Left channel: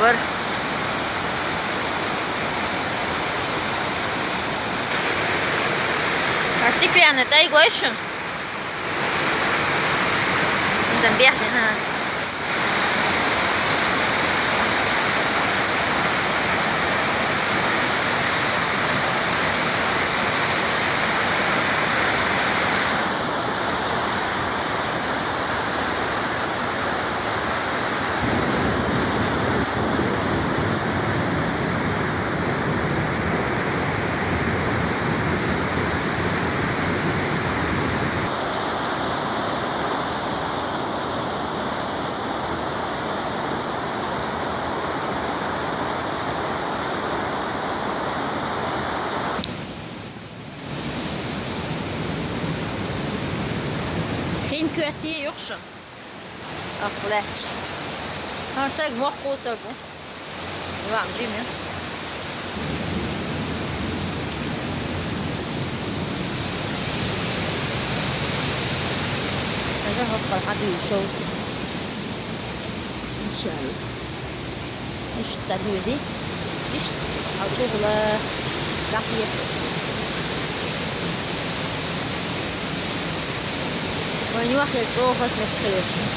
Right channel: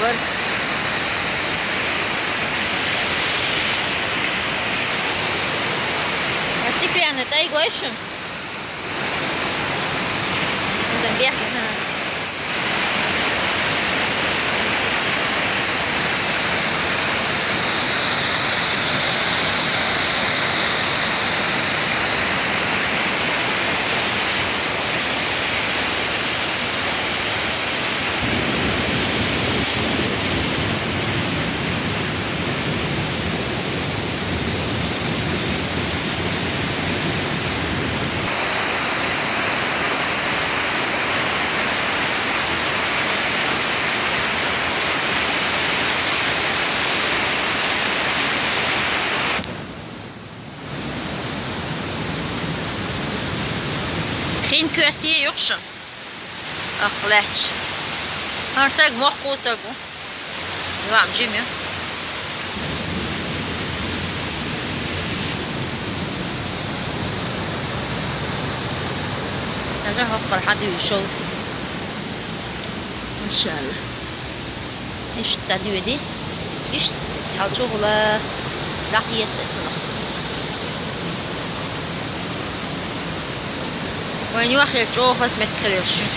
بر Hast du gerne Teig waschen? Und dann Berg hina. Geen kwartier, Josje. Ach, lekker. Maar het is wel goed ook. Ja, Jimmy. هذا هو حد يشوف إن شاء الله. إيش تعدي دي؟ إيش حاول شغلة لقيت. وين واخد شوف بس ما تكلمش.